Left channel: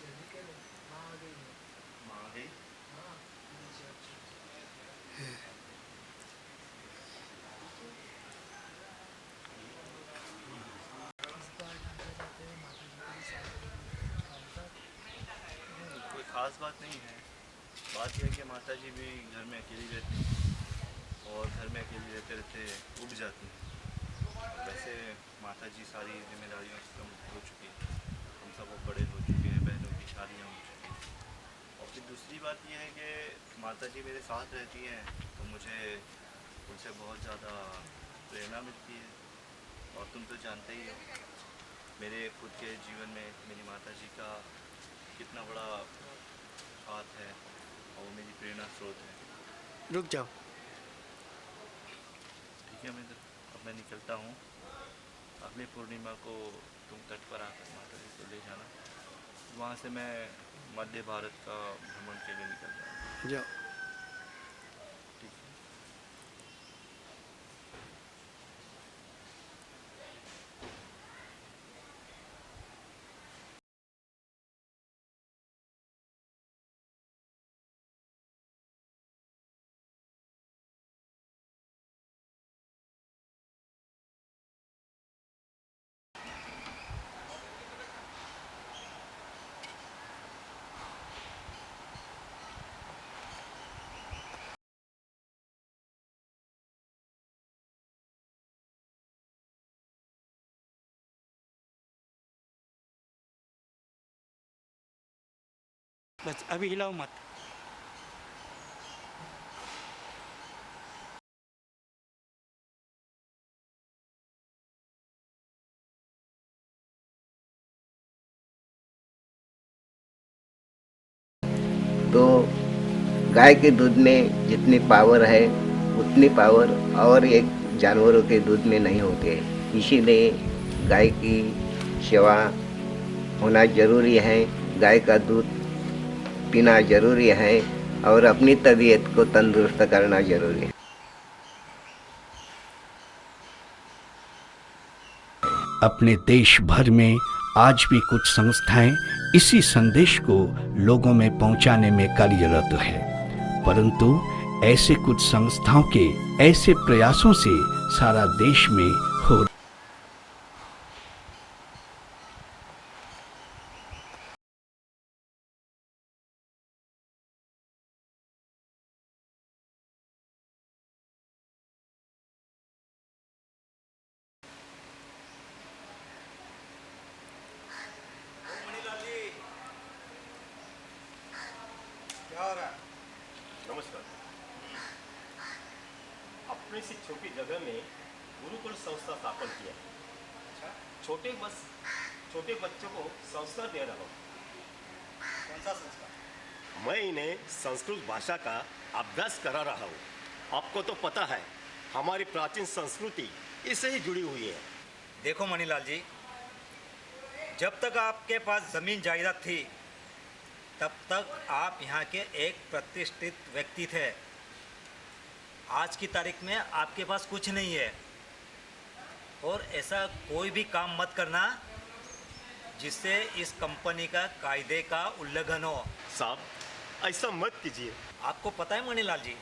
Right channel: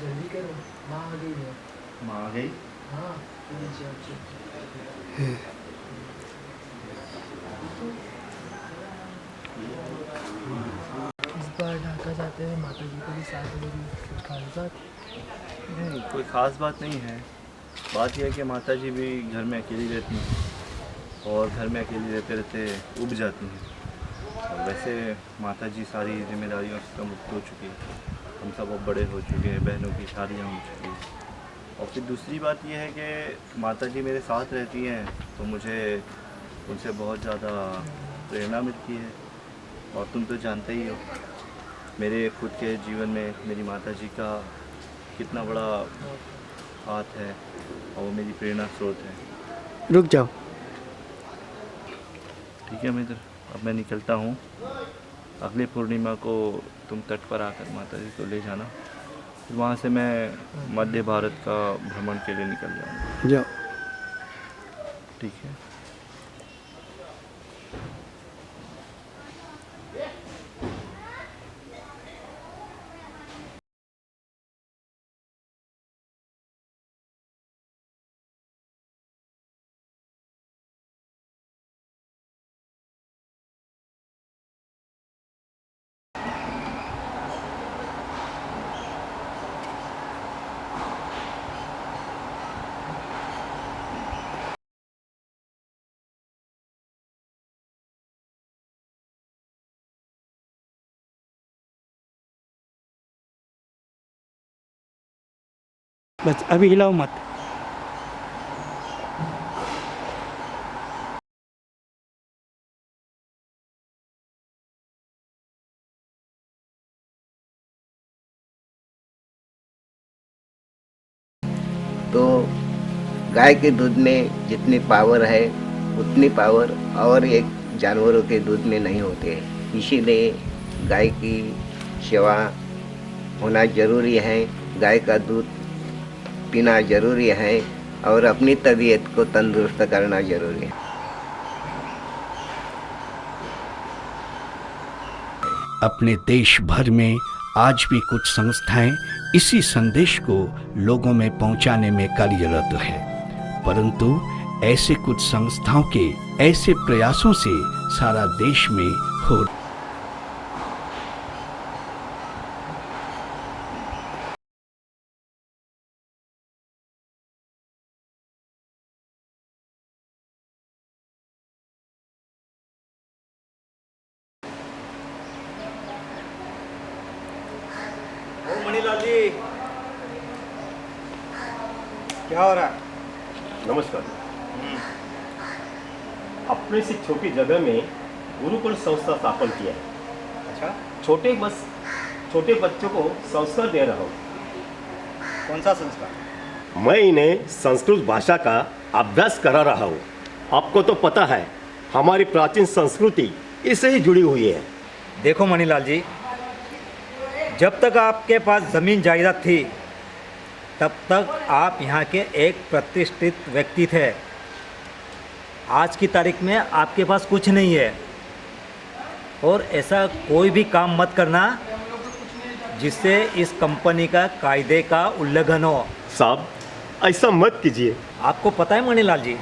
जल्दी करो, माँ आ गई है। माँ आ गई? हाँ, नीचे आओ। इस बार ढाका जाते हैं, माता जी को भी साथ लेगी, कुछ खास बात? नहीं, कोई ख़ास बात नहीं है। बात यह है कि माता जी भी घर में अकेली रहती हैं और घर में अकेली रहते रहते उब जाती हैं। और वैसे माता जी सारी जिम्मेदारियों से तो मुक्त हो चुकी है। हम सब अब बड़े हो चुके हैं, बहनों की शादियाँ हो चुकी हैं। और फिर दूसरी बात यह है कि माता जी मेरे साथ रहती हैं तो मुझे उनसे बहुत ज़्यादा प्रेरणा मिलती है। और तुम तो जानते ही हो मेरे खुद के जीवन में मेरी माता जी का कितना बड़ा हाथ है और वो मेरी प्रेरणा स्रोत है। रुक जाओ। ठीक है मित्र, अब मैं निकलता हूँ। अगले पूर्णिमा को तुम तट पर आकर माता जी को ले जाना, फिर वहाँ से मैं मध्य भारत का भ्रमण के लिए निकल जाऊँगा। जाओ। ठीक है। बस अभी हिलाओ मत। तो गाय के दूध में जितनी पावर है उतनी पावर और एक जानवरों के दूध में नहीं होती है। इसीलिए गाय की सेवा होना ज़रूरी है, गाय का दूध पीना ज़रूरी है और अपनी तबीयत को तंदुरुस्त करना ज़रूरी है। अपने देश भर में आज भी कुछ संस्थाएं इसी संदेश को लोगों में पहुंचाने में कार्यरत है, परंतु ऐसे कुछ संस्थाओं के ऐसे प्रयासों से सारा देश में हो मणिलाल जी, क्या हो रहा है? नमस्कार। अपने से छोटी जगह में गुरुकुल संस्था स्थापन किया है। अच्छा, छोटे बच्चों को संस्कार दे रहा हूँ। कौन सा संस्कार? मैं इन्हें संस्कृत भाषा का अभ्यास करा रहा हूँ। आपको तो पता है हमारी प्राचीन संस्कृति इससे ही जुड़ी हुई है। देखो मणिलाल जी, जब तक आपके पास ज़मीन जायदाद थी तब तक आप यहाँ के एक प्रतिष्ठित व्यक्ति थे। आज की तारीख में आपके पास कुछ नहीं है और ऐसा कोई भी काम मत करना जिससे इस कंपनी का कायदे का उल्लंघन हो। साहब, ऐसा मत कीजिए। आपको पता है मणिलाल जी,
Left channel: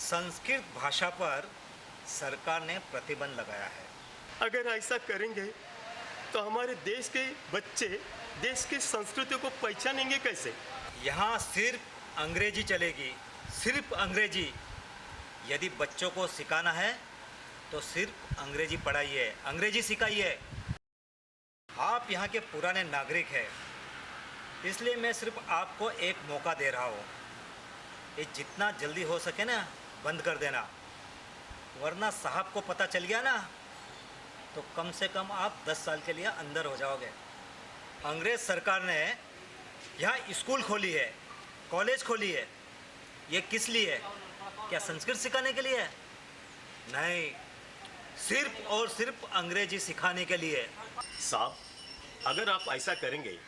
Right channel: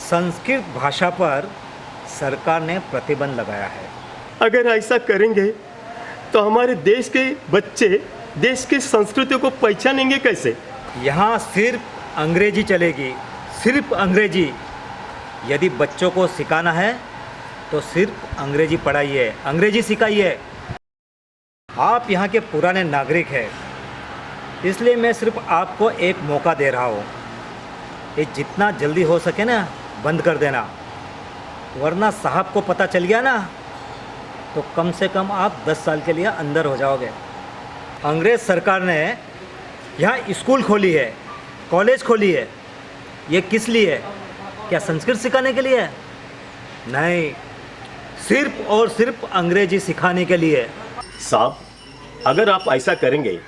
संस्कृत भाषा पर सरकार ने प्रतिबंध लगाया है। अगर ऐसा करेंगे तो हमारे देश के बच्चे देश की संस्कृति को पहचानेंगे कैसे? यहाँ सिर्फ अंग्रेजी चलेगी, सिर्फ अंग्रेजी। यदि बच्चों को सिखाना है तो सिर्फ अंग्रेजी पढ़ाइए, अंग्रेजी सिखाइए। आप यहाँ के पुराने नागरिक हैं, इसलिए मैं सिर्फ आपको एक मौका दे रहा हूँ। ये जितना जल्दी हो सके ना बंद कर देना, वरना साहब को पता चल गया ना तो कम से कम आप 10 साल के लिए अंदर हो जाओगे। अंग्रेज़ सरकार ने यहाँ स्कूल खोली है, कॉलेज खोली है। ये किस लिए है? क्या संस्कृत सिखाने के लिए है? नहीं, सिर्फ और सिर्फ अंग्रेजी सिखाने के लिए। साहब, अगर आप ऐसा करेंगे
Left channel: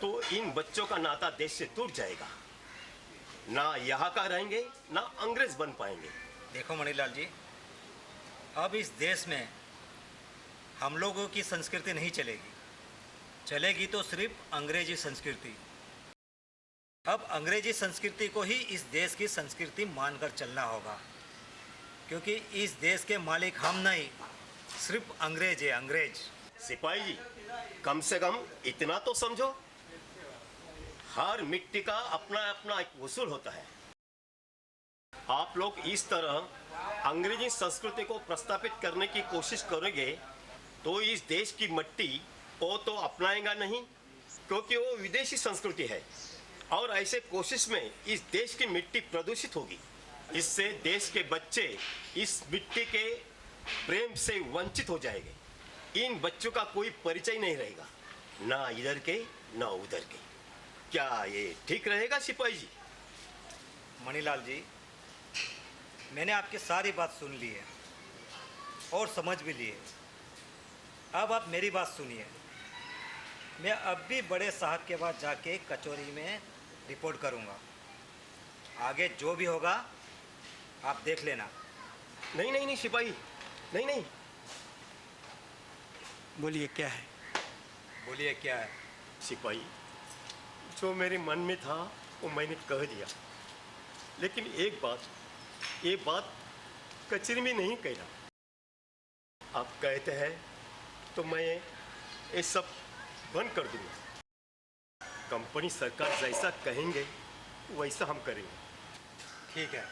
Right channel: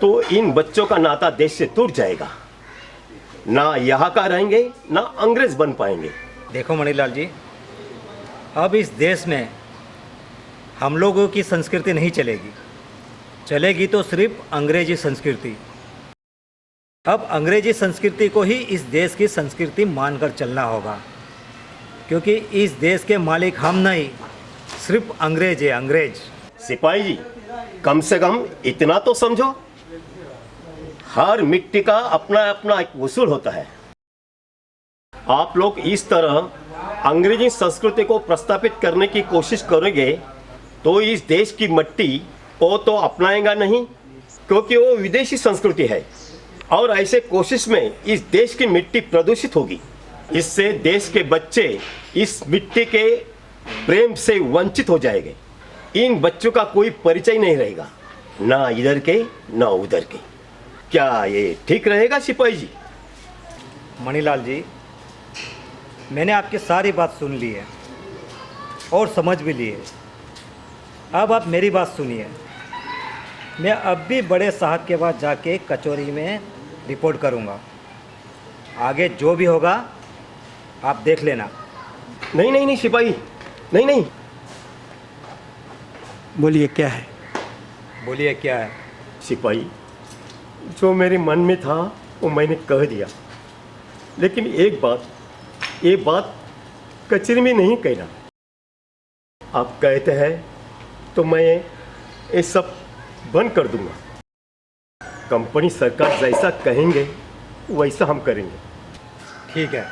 तो इन बच्चों का नाता देश से टूट जाएगा। ना यहाँ का रहेंगे ना अंग्रेज बन पाएंगे। देखो मणिलाल जी, अब इस देश में हम लोगों की संस्कृति नहीं चलेगी, चलेगी तो सिर्फ अंग्रेजी संस्कृति। अब अंग्रेजी संस्कृति को ही इस देश की संस्कृति मानकर चलना होगा, क्योंकि इस देश के मालिक हम नहीं, सिर्फ अंग्रेज है, अंग्रेज। सिपाही जी, कम से कम इतना तो समझो, हर मिट्टी का अपना अपना एक उसूल होता है। आप लोग इस तरह अंग्रेजी संस्कृति को प्रस्थापित करने की कोशिश करोगे तो इस देश की मिट्टी को तो अपनाएगा नहीं, क्योंकि वो विदेशी संस्कृति है। और ऐसे कोशिश में इस देश की मिट्टी प्रदूषित होगी। इससे देश के बच्चे इस मिट्टी के प्रेम से वंचित हो जाएंगे। इन बच्चों का कोई परिचय नहीं रहेगा, ना इधर के ना उधर के। क्या ये ठीक रहेगा सिपाही जी? मणिलाल जी, मैंने आपकी सारी बात सुन ली है और समझ भी ली है। अब आप मेरी बात सुनिए। मैं अब भी बड़े साहब के पास जाके कचौरी में रिपोर्ट करूंगा। आगे जो भी होगा आप देख लेना। नहीं नहीं नहीं सिपाही, नहीं नहीं। बोलिए क्या है? बोलिए क्या है? सिपाही, जो मेरे मन में था वो मैंने कह दिया, लेकिन ये बात कचरे में नहीं कहना। आप कहते हैं तो मैं ये सब बंद कर दूंगा। कंपनी सरकार जैसा कहेंगे वैसा हम करेंगे। ठीक है।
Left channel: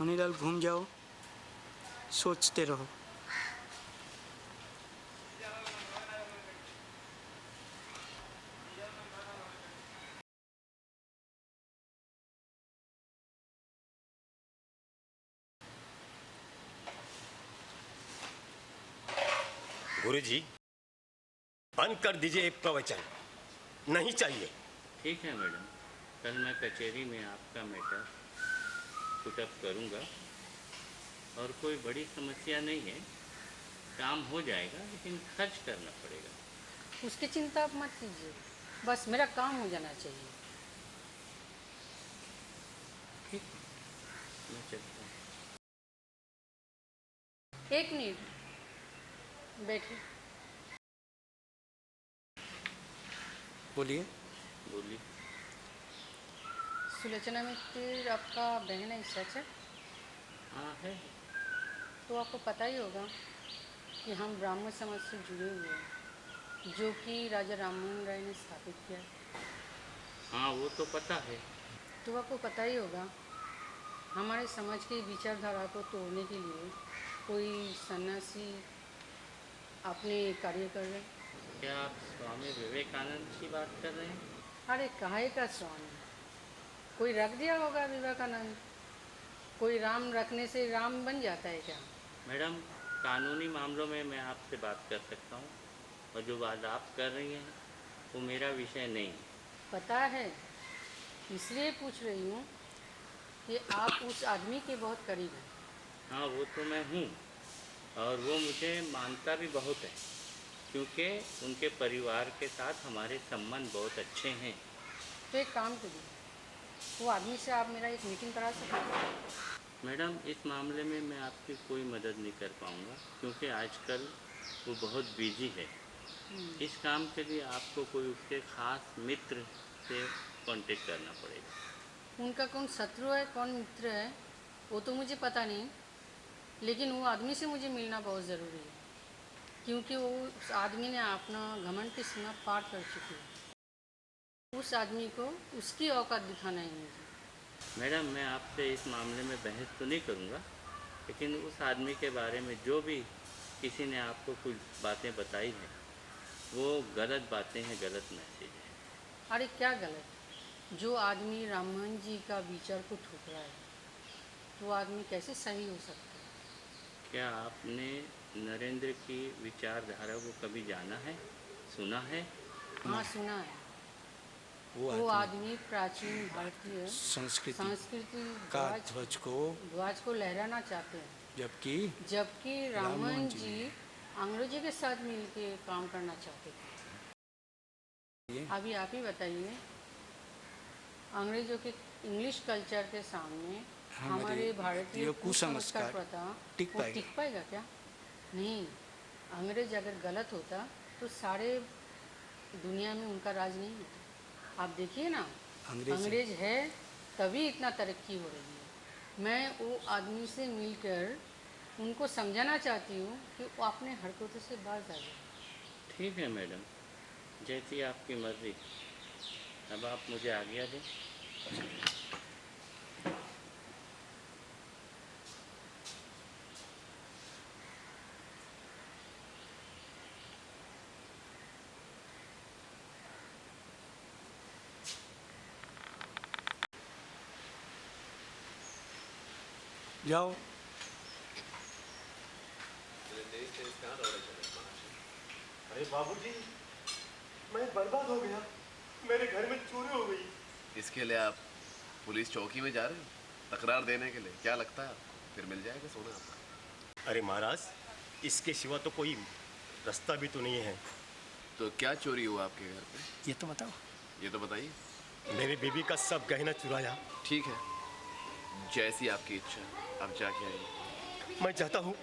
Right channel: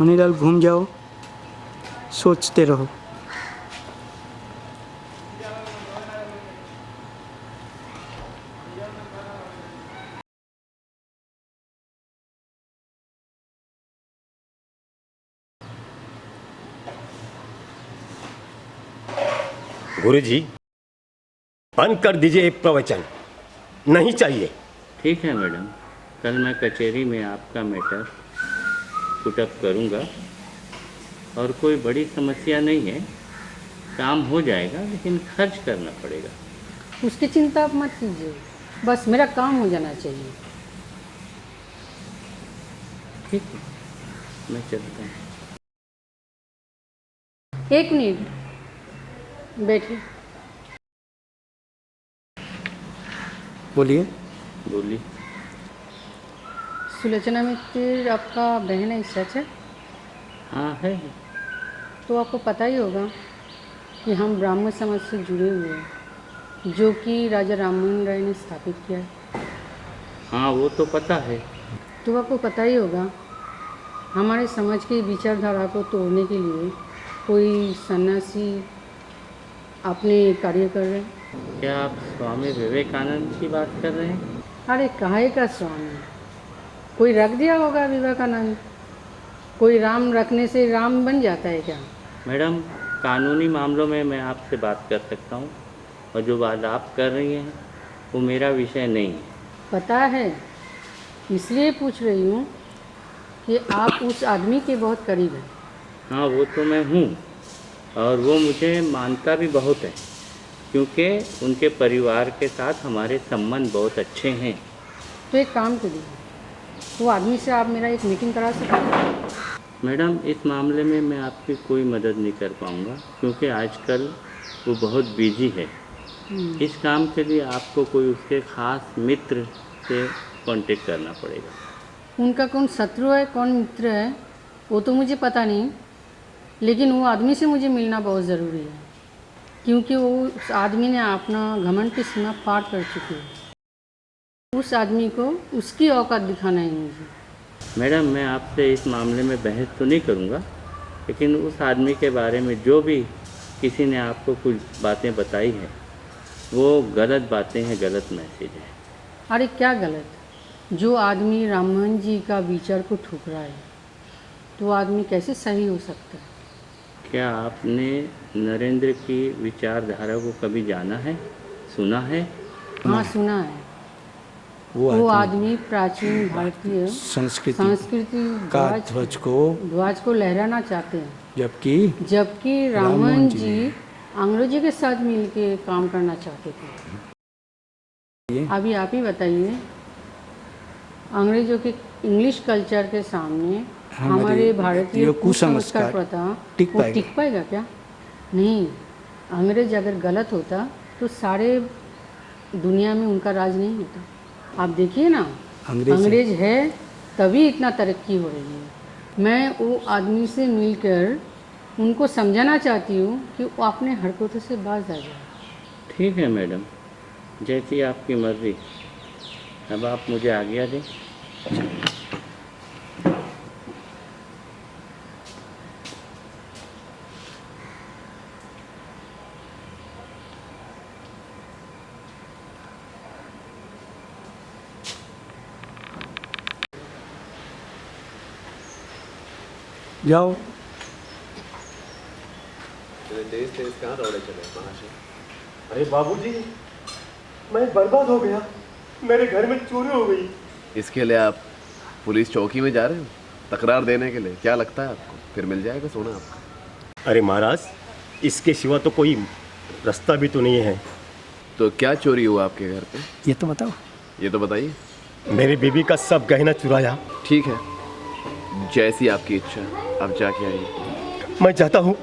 मणिलाल, घूम जाओ, सोचते रहो। गुरुजी, बंद कर दीजिए प्रवचन, नहीं चाहिए। ठीक है मैडम, कल मैं कचहरी में आपका मैटर पुटअप करूंगा और कोई बड़ी समस्या नहीं है, काम हो जाएगा, लेकिन खर्च करना पड़ेगा। उसकी चिंता आप मत कीजिए, बस मेरा काम हो जाना चाहिए। ठीक है, मैं चलता हूँ। एक मिनट बैठिए। बोलिए। बोलिए। सुलोचना मित्र आपका बहन है, सच है? हाँ है। तो आपको पता ही होगा कि हम ब्राह्मण समाज से जुड़े हुए हैं, जो कि राजा राममोहन राय ने स्थापित किया है। हाँ, वो तो पता है। तो आपको पता ही होगा हमारे समाज की विचारधारा को तोड़ने के लिए कोई सन्यासी अपने कार्य कर रहे हैं। क्या आप स्वामी विवेकानंद की बात कर रहे हैं? अरे काहे का स्वामी, कोई रख दिया होगा विवेकानंद। कोई राम रखने से राम बन जाता है क्या? मैडम, कानूनी मामलों में मैं आपसे बात कर सकता हूँ, और जो बात आप कर रही हैं वो मेरा विषय नहीं है। पता है, इसलिए पूछ रही हूँ कि आप उस आदमी के बहुत करीब हैं। हाँ, वो तो मैं हूँ, और वो मुझे मानता भी बहुत है, क्योंकि उनके परिवार के साथ हमारे संबंध बहुत अच्छे हैं। तो एक काम करिए, वो आदमी से आप मेरा एक मीटिंग करा सकते हैं? मैडम, इस मामले में मैं आपकी कोई मदद नहीं कर पाऊँगा, क्योंकि आजकल वो बहुत बिजी है। इस काम के लिए आपको कोई उसके ख़ास मित्र से कांटेक्ट करना पड़ेगा। उनका कौन शत्रु है कौन मित्र है वो तो मुझे पता नहीं, लेकिन वो आदमी से मुझे मिलना बहुत ज़रूरी है, क्योंकि वो उस आदमी ने अपना घमंड की सीमा पार कर चुकी है। उस आदमी को उसकी औकात दिखाना है मुझे। मैडम, मैं आपसे इस मामले में बहस तो नहीं करूँगा, लेकिन उस आदमी के बारे में जो भी किसी ने आपको कुछ बातें बताई हैं वो गलत बातें हैं, गलत मैसेज है। अरे क्या गलत? जो आदमी राममोहन जी का विचार को ठुकरा है तो वो आदमी कैसे सही हो सकता है? क्या आपने नरेंद्र की विचारधारा को कभी जाना है, सुना है? हाँ, सुना है। वो आदमी प्राचीन भारतीय संस्कृति का ध्वज को लहराना चाहते हैं, जबकि रामन जी अंग्रेजी के साथ मिलके काम करना चाहते थे। अभी आप ही बताइए, अंग्रेजों के इंग्लिश कल्चर के सामने हमारे भारतीय कुसंस्कार प्रथा टिक पाएगा क्या? नहीं। अंग्रेज अगर गलत होता तो सारे दुनिया में उनका राज नहीं होता। आप देखिए ना, अंग्रेज है तभी इतना तरक्की हो रही है। मैं वो आदमी से मिलकर उनको समझाना चाहती हूँ कि वो अपने हरकतों से बाज आ जाए। ठीक है मैडम, जैसी आपकी मर्जी। अब आप मुझे आज्ञा दें। जाओ। अरे बाबूजी, मैं बर्बाद हो गया, मेरे घर में चोरी हो गई। इसके लिए आप पुलिस चौकी में जा रहे हो तकरार देने के लिए? क्या लगता है आपको फिर मिल जाएगा सोना आपका? अरे महाराज, इसके सिवा तो कोई रास्ता भी तो नहीं है। तो क्या चोरी हुआ आपके घर पे? ये तो बताओ। ये तो बताइए। मेरी बीवी का सब गहना चुराया। ठीक है, जैसी आपकी इच्छा, आप जाके आइए। मैं जाता हूँ।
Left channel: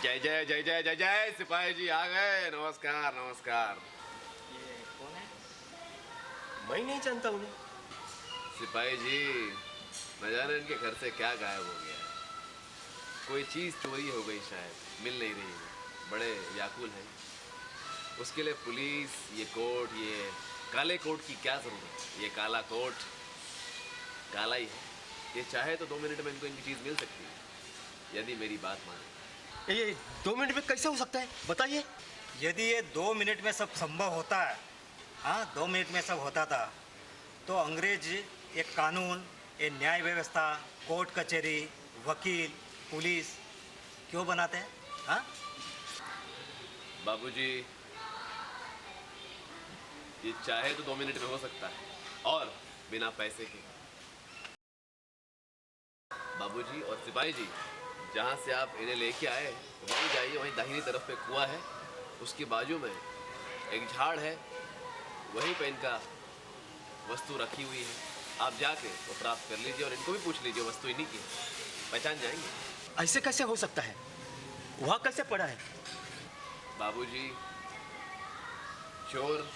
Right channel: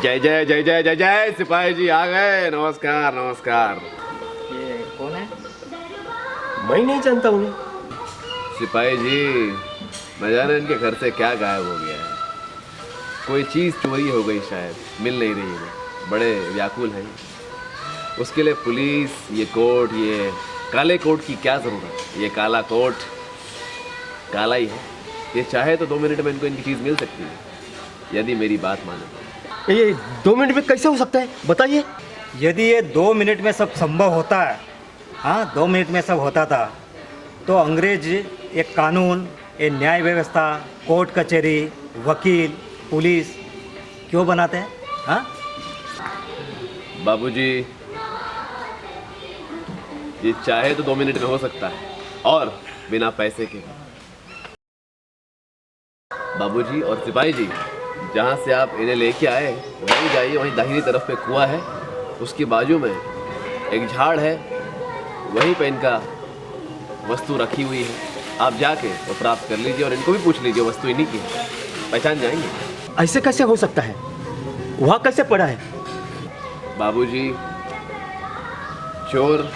जय जय जय जय जय जय, सिपाही जी आ गए। नमस्कार नमस्कार। ये कौन है? मैं नहीं जानता उन्हें। सिपाही जी, न जाने इनके घर से क्या गायब हो गया है। कोई चीज़ चोरी हो गई शायद, मिल नहीं रही है। बड़े व्याकुल हैं। उसके लिए पुलिस, ये कोट, ये काले कोट की क्या ज़रूरत? ये काला कोट काला ही है। ये चाहे तो 2 मिनट में इनको इनकी चीज़ मिल सकती है, यदि मेरी बात माने। ये 2 मिनट में कैसे हो सकता है, बताइए। यदि ये 2 मिनट में सब संभव होता है, हाँ 2 मिनट में सब होता था, तो अंग्रेज एक कानून, एक न्याय व्यवस्था, कोर्ट कचहरी, वकील, पुलिस क्यों बनाते हैं? हाँ बाबूजी, ये चाहे तो 2 मिनट में हो सकता है, और बिना पैसे के। बाबूजी और सिपाही जी, जहाँ से आप इन्हें लेके आए वहीं जाइए। वहीं दाहिनी तरफ पे कुआं है, उसके बाजू में एक झाड़ है, वहीं पे इनका वस्तु रखी हुई है। आप जाके वो प्राप्त कर लीजिए और इनको भी पूछ लीजिए, वस्तु इन्हीं की है, पहचान जाएंगे। ऐसे कैसे हो सकता है? वहाँ कैसे पड़ा है? बाबूजी, चोर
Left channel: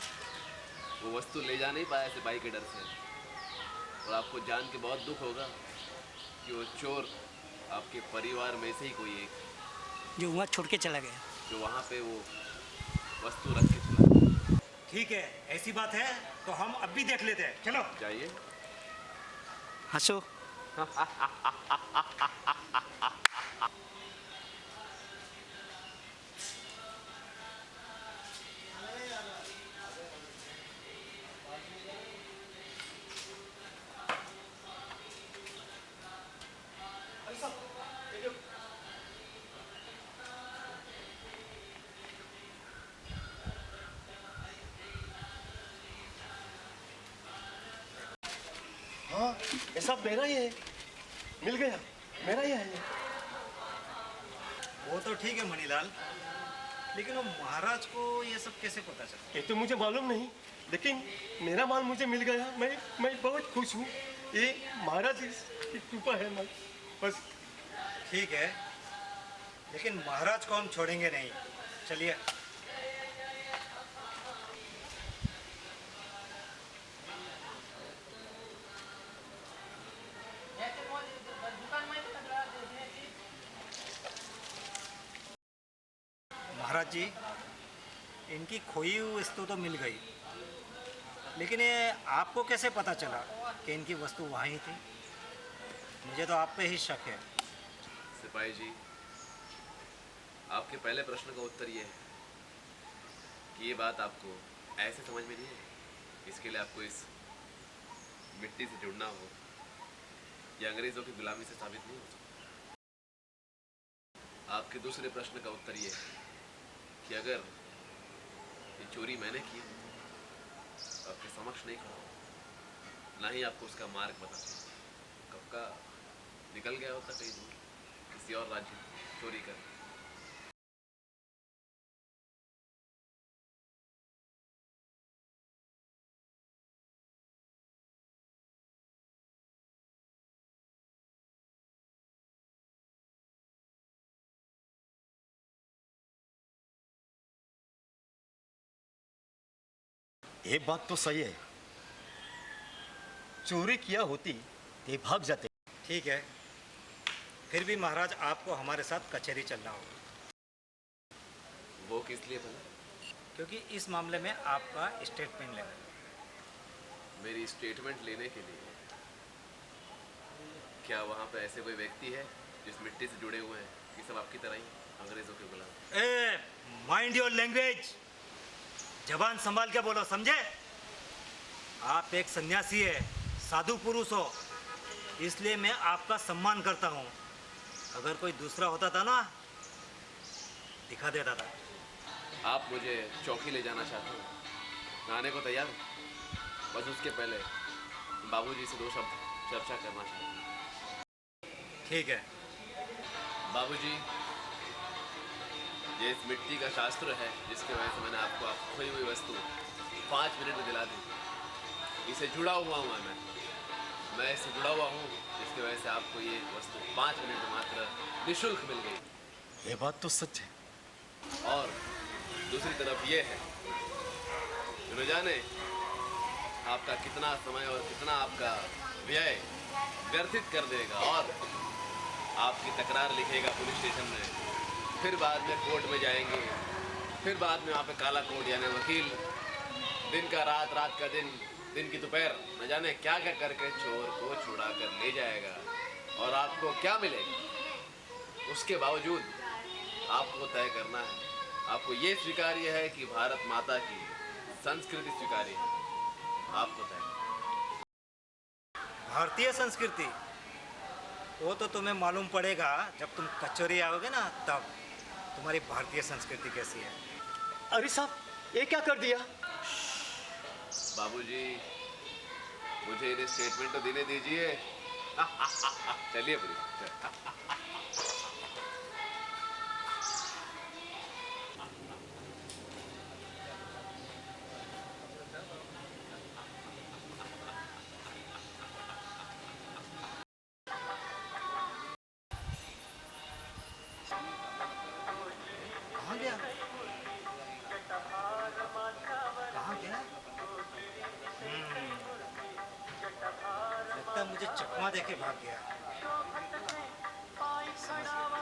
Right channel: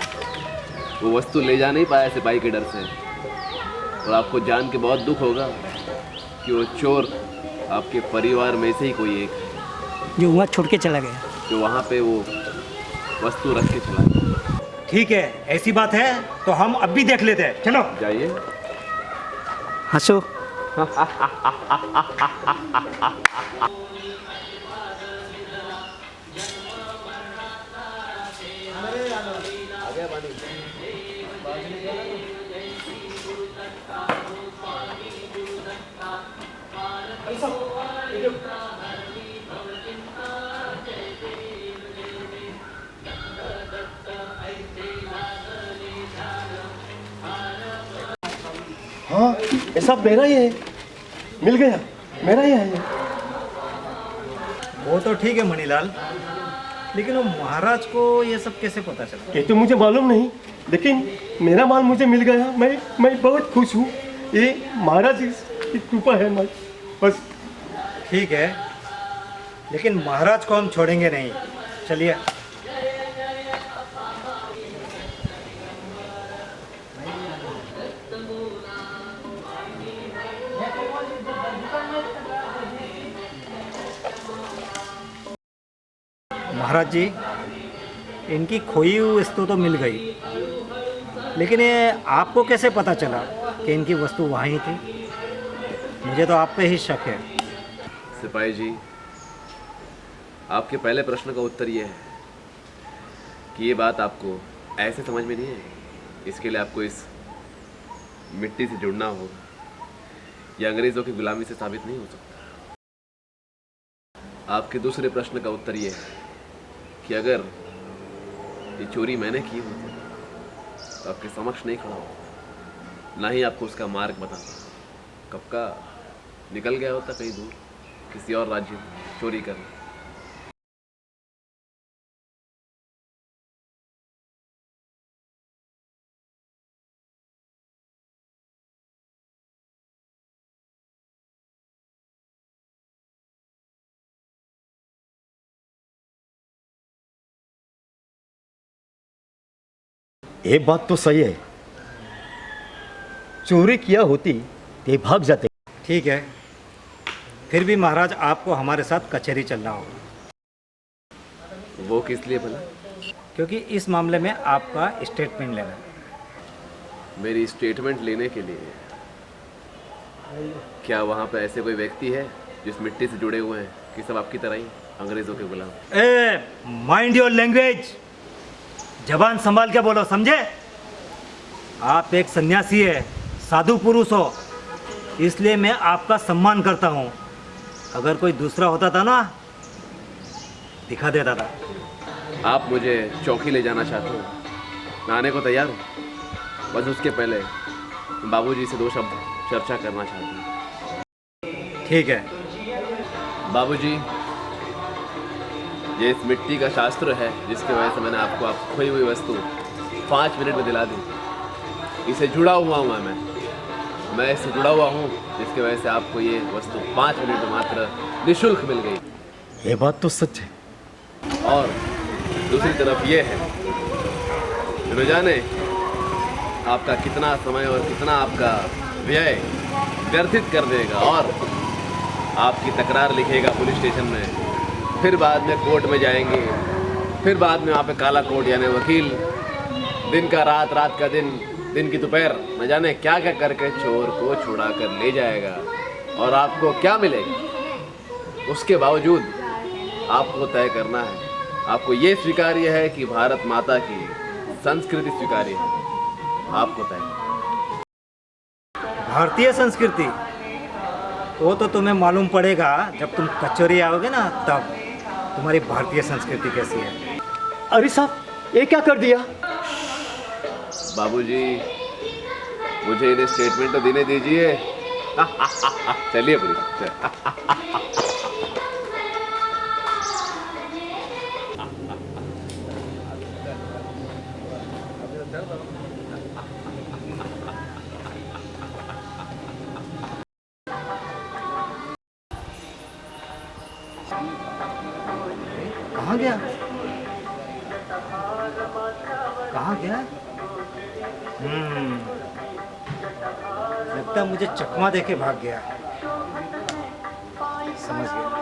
वो वस्तु ले जा नहीं पाया सिपाही के डर से, और आपको जान के बहुत दुख होगा कि वो चोर आपके परिवार में से ही कोई एक है, जो वहाँ छोड़ के चला गया, जो वहाँ पे वो वस्तु रख के चला गया। ठीक है, ऐसी बात है तो हम अब भी देख लेते हैं। चलो जाइए। हंसो। हाँ, ये सब मेरा ही है। मिल गया, मेरा ही है ये। वो तो ठीक है मणिलाल, लेकिन वो महाराज को ये सब कैसे पता चला? ये तो मुझे मालूम नहीं, लेकिन मेरा माल मुझे मिल गया। मैं बहुत खुश हूँ। ये महाराज की कृपा है। मैं बस। ठीक है, लेकिन महाराज को हम छोड़ेंगे नहीं। चलिए। महाराज जी, इनकी खोई हुई वस्तु तो मिल गई, लेकिन ये आपको कैसे पता चला कि इनकी वस्तु वहाँ ही थी? मुझे तो आप पे ही शक है। सिपाही जी, आपके पहले प्रश्न का उत्तर ये है कि ये बात आपको ऐसे समझ में नहीं है। इसके लिए आपको इस मिट्टी से जुड़ना होगा। यह अंग्रेज़ों की गुलामी से साबित नहीं हो सकता। आपके दूसरे प्रश्न का उत्तर ये है कि अगर ये चोरी मैंने की होती तो आपके समक्ष नहीं खड़ा होता, ना ही आपको उसका मार्ग बताता। कब का निकल गया होता कहीं दूर किसी और राज्य में चोरी करने। ये बात तो सही है, चोरी किया होती ते भाग जाते। ठीक है, फिर भी महाराज आपको हमारे साथ कचहरी चलना होगा। वो किस लिए भला? क्योंकि इस मामले में आपका स्टेटमेंट लेना है। मेरी स्टेटमेंट लेने के लिए क्या वहाँ पे ऐसे कोई व्यक्ति है जिस मिट्टी से जुड़े हुए हैं कि सब आपकी तरह ही अंग्रेज़ों के गुलाम? ए, माइंड योर लैंग्वेज, जबान संभाल के बोलो, समझे? आप एक सन्यासी है, साधु पुरुष हो, इसलिए मैं आपका सम्मान करता हूँ। अगर कोई दूसरा होता था ना, दिखा देता था। आप मुझे चौकी ले जाना चाहते हो? मैं आने को तैयार हूँ, बस उसके पहले बाबूजी से 2 शब्द चर्चा करना चाहता हूँ। ठीक है। बाबूजी, ये इस मिट्टी का शास्त्र है जिसकी वजह से मैंने आपको आप खोई हुई वस्तु 5 मिनट में दिला दी। इसे जुड़ा हुआ हूँ मैं इससे जुड़ा हुआ हूँ जिसकी वजह से आपको ये वस्तु 5 मिनट में मात्र निःशुल्क मिल गई। ये बात तो सच है। और दूसरी तरफ ये है, न जाने आपका कितना समय और कितना आपका व्यय व्यर्थित कर देगा और आपकी तकरार लिखेगा पुलिस स्टेशन में, फिर बाद में कोर्ट में जाएंगे, फिर बाद में वहाँ पे काला कोर्ट यानी वकील दिन का रात, रात का दिन, दिन की दोपहर, न जाने क्या क्या करके चोर को छुड़ा कर ले जाएगा। और आपको क्या मिलेगा? उसके बावजूद आपको तय करना है, आपको ये स्वीकार्य है कि भारत माता की संस्कृति स्वीकार्य है, आपको तय। भारतीय संस्कृति वो तो तुम्हें मालूम पड़ेगा जब तुम कचौरी आओगे ना, तब तुम्हारी भारतीय संस्कृति कैसी है। अरे साहब, ये क्या कर दिया? बाबूजी, मुझे इन्हें स्टेटमेंट तो देने दीजिए। चलिए पुलिस। कहाँ गया? कहाँ गया? लगता है मुझे चकमा देके भाग गया। समझ गया।